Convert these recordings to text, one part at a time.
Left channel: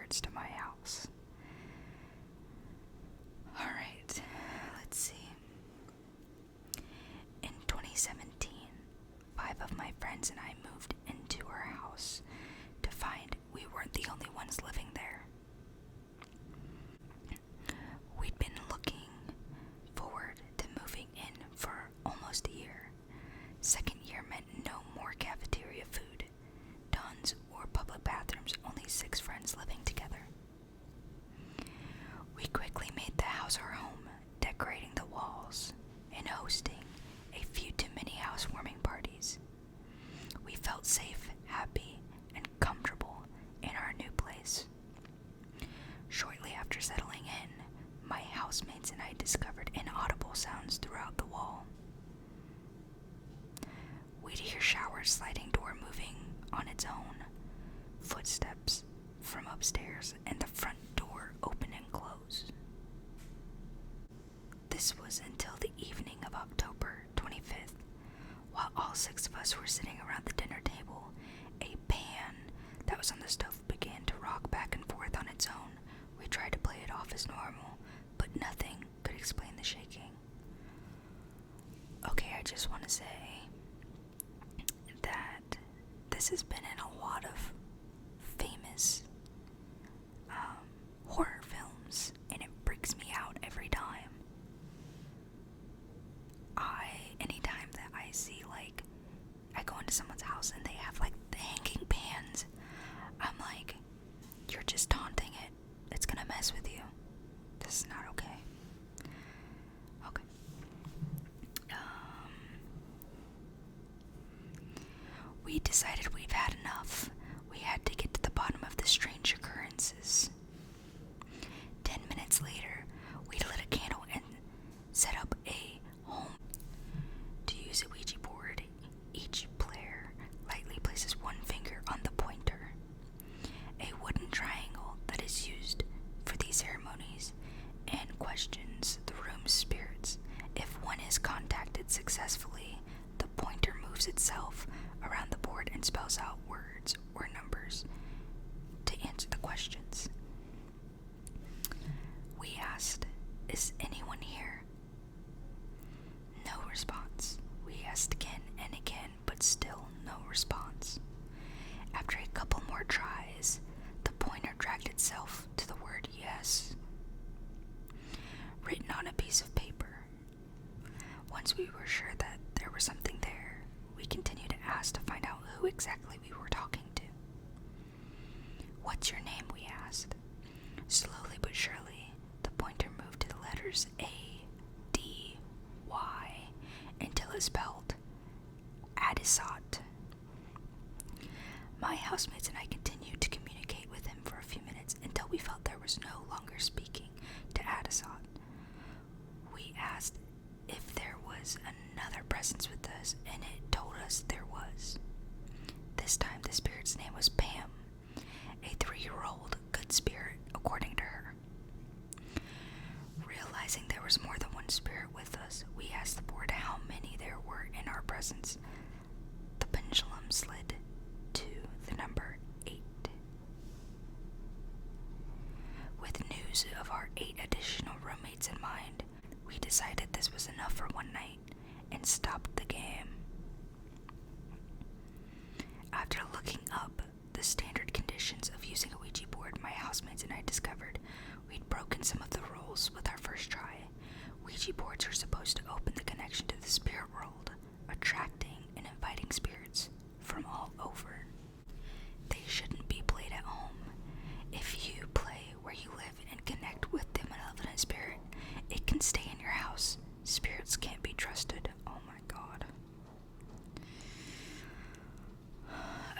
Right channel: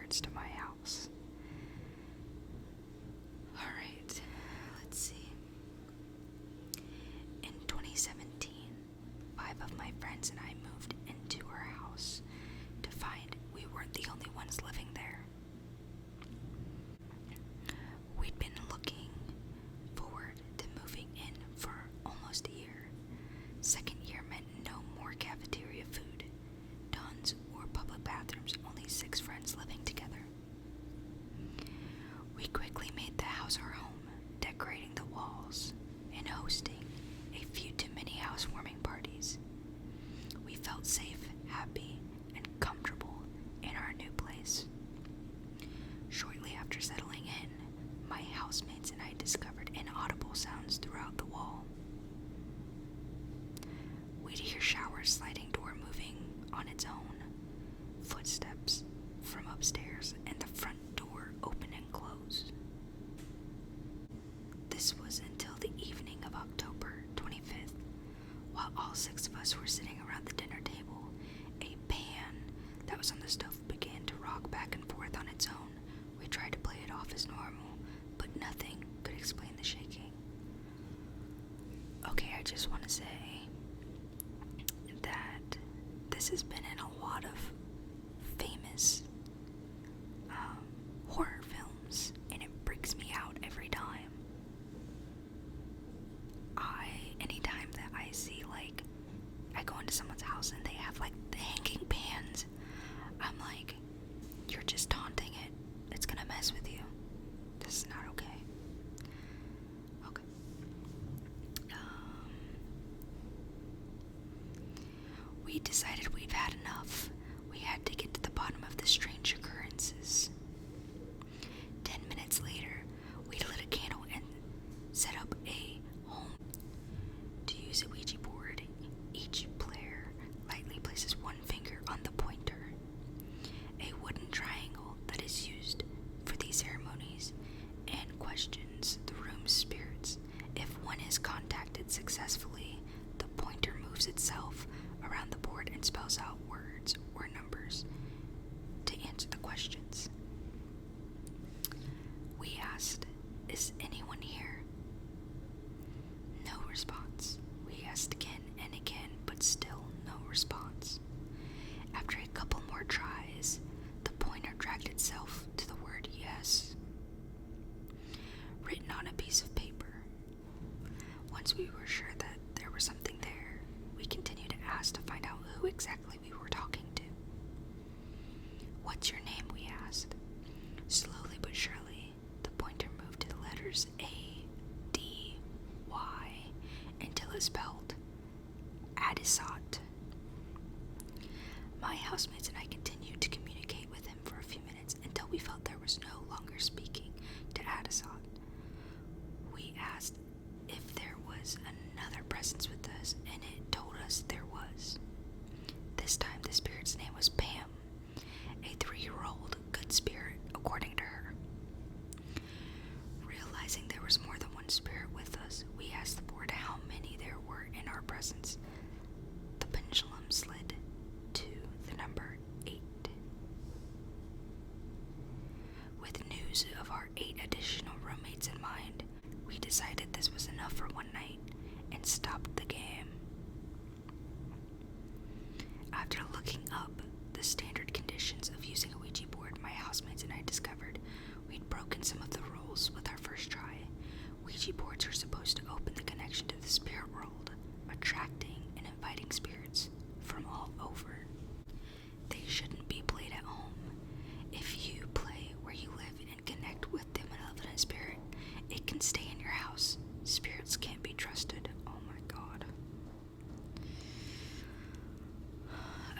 spirits to my house. Alright, let's see. In 2017, 5 of my friends and I moved into our house to find we weren't the only ones living there. We'd been looking forward to moving in for almost a year. Second year meant no more cafeteria food, tons, or public bathrooms, only 6 friends living together. We quickly made the house our home, decorating the walls and hosting a few too many housewarming parties. We felt safe, happy, and comfortable in our new place. Shortly after settling in, my housemates and I discovered inaudible sounds throughout the wall. We'd hear shower sliding door moving on its own, footsteps from upstairs, and the front door open and close. This was until the evening of October 25th. While all 6 of us were sitting around the dinner table, a pan that was on the stove began to rock back and forth on its own. We tried to play it off as normal, but nothing could explain the shaking. Okay, I just want to say that this has been in a lot of famous horror films, and it freaks me out every time. Anytime that I see, like, I go into someone's house and they have, like, the hanging pans, I'm like, you're just taunting it. It's gonna mess with you. This is not okay. Okay. We decided we've had enough. We had to get to the bottom of the strange occurrences. 10 minutes later, we lit a candle and set up a home. To use a Ouija board, each player lightly places one finger on the pointer. A wooden triangle that is used for these ceremonies and questions the room's spirits. If one is contacted successfully, the pointer moves itself around the board and spells out words or numbers to answer the questions. We asked, "Is anyone here?" No response. We asked again and again, but still no response. After a couple more tries, the pointer dragged itself to the word yes, written on a piece of paper. Once we were sure that there was something there, we continued to ask to find out who exactly we were talking to. "What's your name?" we asked. Slowly but surely, the pointer moved to the letters A, D, Y, until it spelled Adisat. My housemates and I continued to communicate with him for a few minutes until we felt there was no longer speaking to Adisat. We asked if there was another presence with us, and it told us there was. This time the spirit's name was Pam, a 3-year-old good spirit, according to her. Realizing there was more than one spirit with us, we asked the board how many there were in our presence. The pendulum slid to the number 8. With news of our 8 additional roommates in mind, we decided this was enough for one night and stopped the game. After looking up the standard conditions of using a Ouija board, my housemates and I discovered we'd broken some of the rules with our first try. Ouija boards are supposed to open the connection to the spirit world, attracting and inviting spirits from all over. They shouldn't be played at home. If you play where you live and connect with the malevolent spirit, it can stay in your house. Spirits can't be trusted. Oh my god.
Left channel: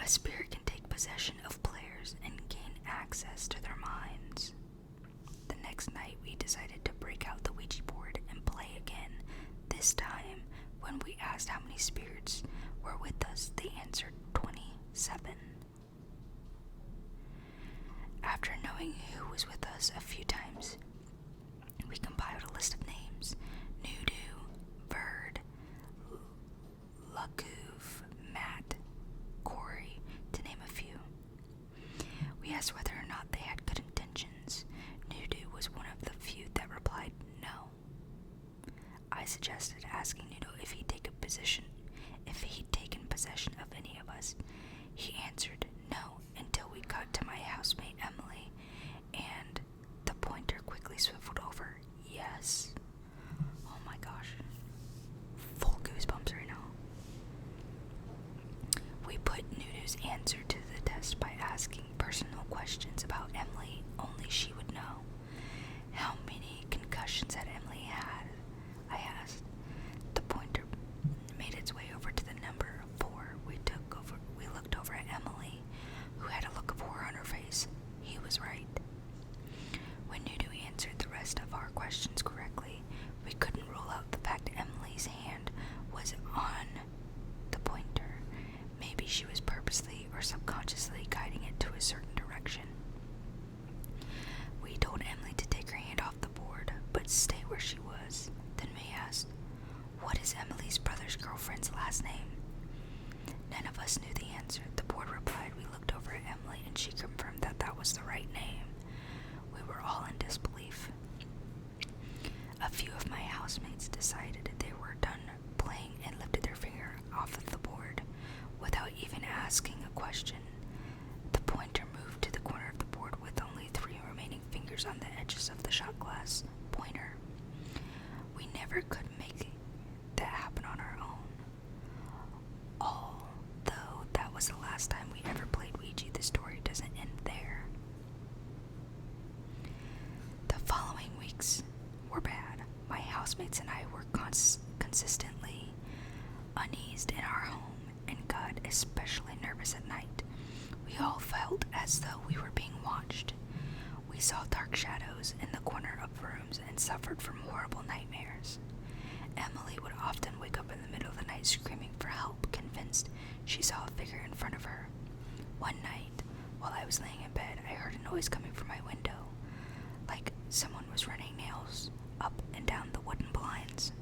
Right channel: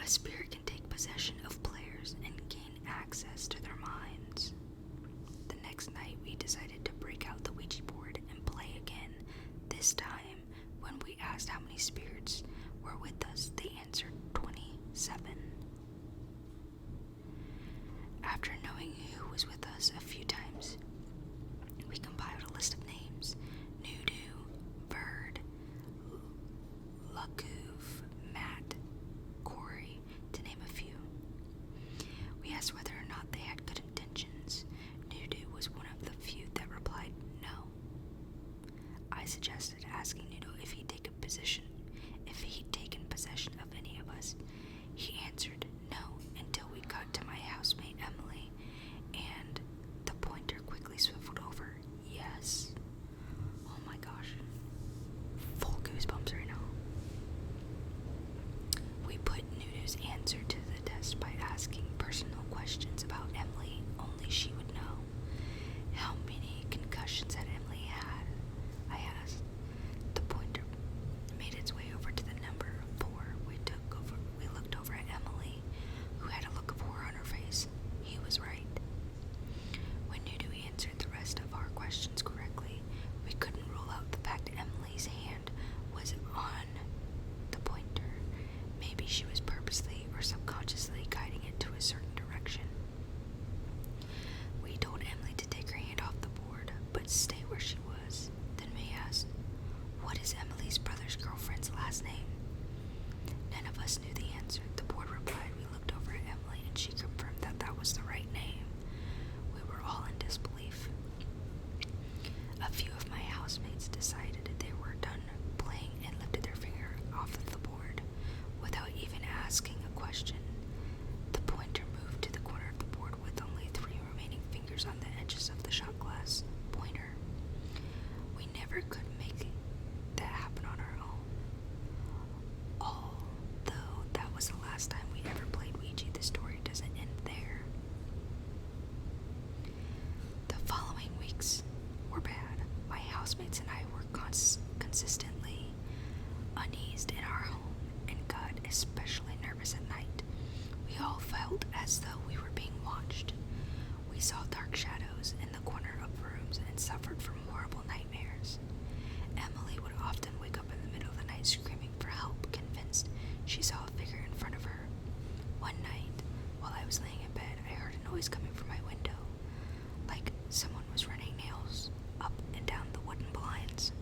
A spirit can take possession of players and gain access to their minds. The next night, we decided to break out the Ouija board and play again. This time, when we asked how many spirits were with us, they answered 27. After knowing who was with us a few times, we compiled a list of names: Nudu, Bird, Lakuv, Matt, Corey, to name a few. We asked whether or not they had good questions correctly, we couldn't rule out the fact Emily's hand was on the pointer. Maybe she was purposely or subconsciously guiding it to a certain direction. We told Emily to take her hand off the board, but stay where she was. Then we asked, "What is Emily's brother's girlfriend's last name?" None of us knew the answer. The board replied. We looked over at Emily and she confirmed that that was the right name. We were all in disbelief. A few of my housemates decided they were done playing and lifted their finger off of the board without even asking a question. The pointer moved to the corner of the board with only 3 remaining fingers on the edges of the shot glass pointer. We never could make that happen on our own. Although that was the last time we ever played Ouija, the story doesn't end there. The following weeks were bad. My housemates and I were consistently uneased in our home and got especially nervous at night. We all felt as though we were being watched. We saw dark shadows in the corner of rooms and suffered from horrible nightmares. Emily would often wake up in the middle of the night screaming for help, convinced she saw a figure in front of her. One night, while I was laying in bed, I heard a noise coming from my window, like someone was running nails up and down the wooden blinds.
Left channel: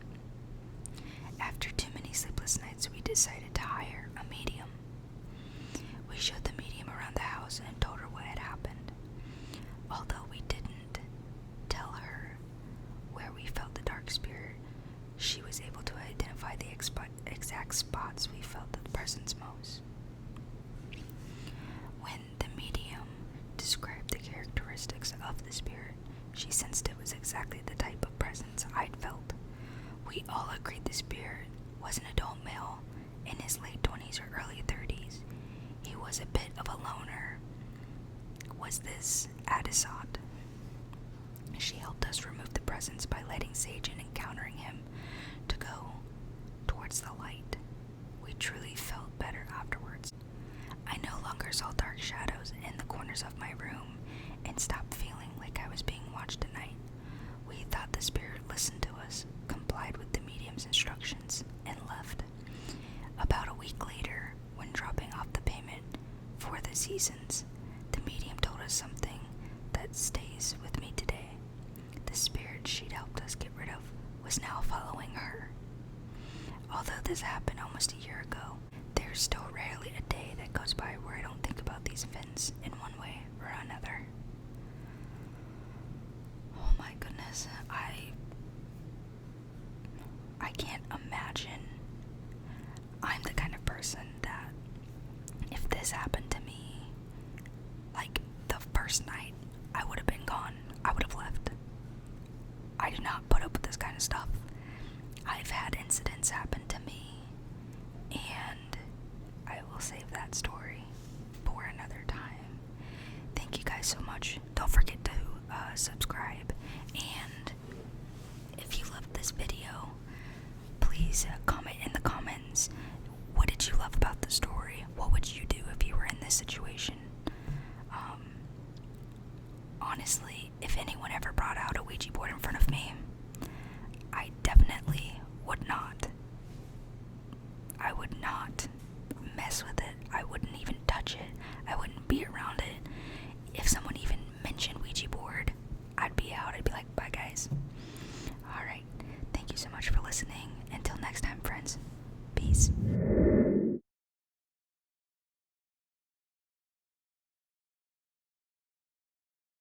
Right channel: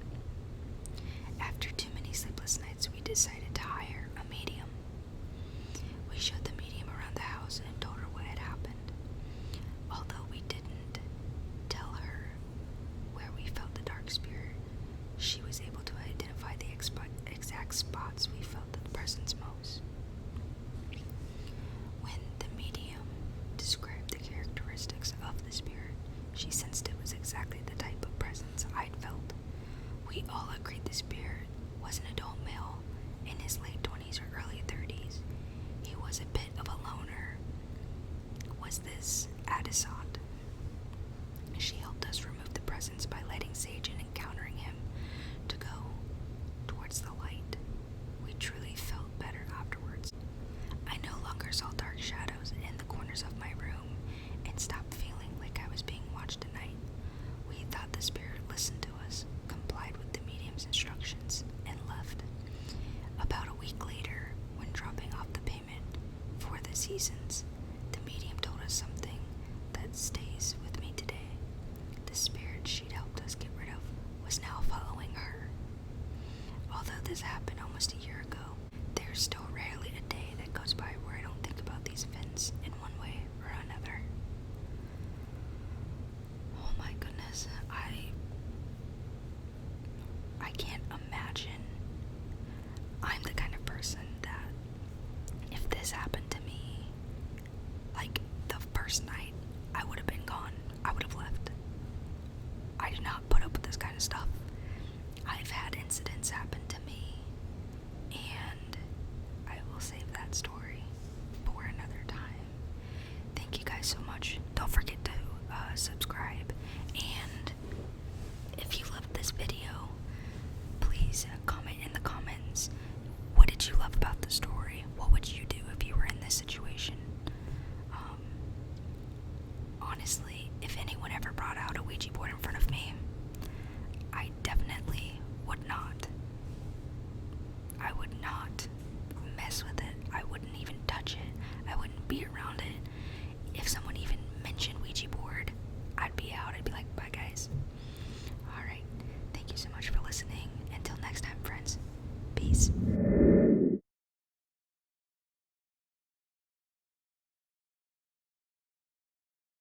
After too many sleepless nights, we decided to hire a medium. We showed the medium around the house and told her what had happened. Although we didn't tell her where we felt the dark spirit, she was able to identify the exact spots we felt the presence most. When the medium described the characteristics of the spirit, she sensed it was exactly the type of presence I'd felt. We all agreed the spirit was an adult male in his late 20s or early 30s. He was a bit of a loner. Was this Addisot? She helped us remove the presence by lighting sage and encountering him to go towards the light. We truly felt better afterwards. I no longer saw dark shadows in the corners of my room and stopped feeling like I was being watched at night. We thought the spirit listened to us, complied with the medium's instructions, and left. About a week later, when dropping off the payment for the seasons, the medium told us something that stays with me today. The spirit she'd helped us get rid of was now following her. Although this happened almost a year ago, there's still rarely a day that goes by where I don't think about these events in one way or another. Oh my goodness, I can't imagine. I'm the kind of person that if this happened to me, like the first night, I would have been gone. I would have left. I do not put up with this kind of stuff. I've had incidents happen to me, and I will save that story for another time. Thank you guys so much. Don't forget to subscribe, and if you loved this video, please comment in the comments. What did you love about the story? What would you do if you were in this situation? Honestly, if anyone ever brought out a Ouija board in front of me, I definitely would not. I would not mess with it. I wouldn't even touch it. I wouldn't be around it. If someone even mentioned Ouija board, I'd be out. I'd be like, bye guys. Alright, thank you so much for listening. Until next time, friends. Peace.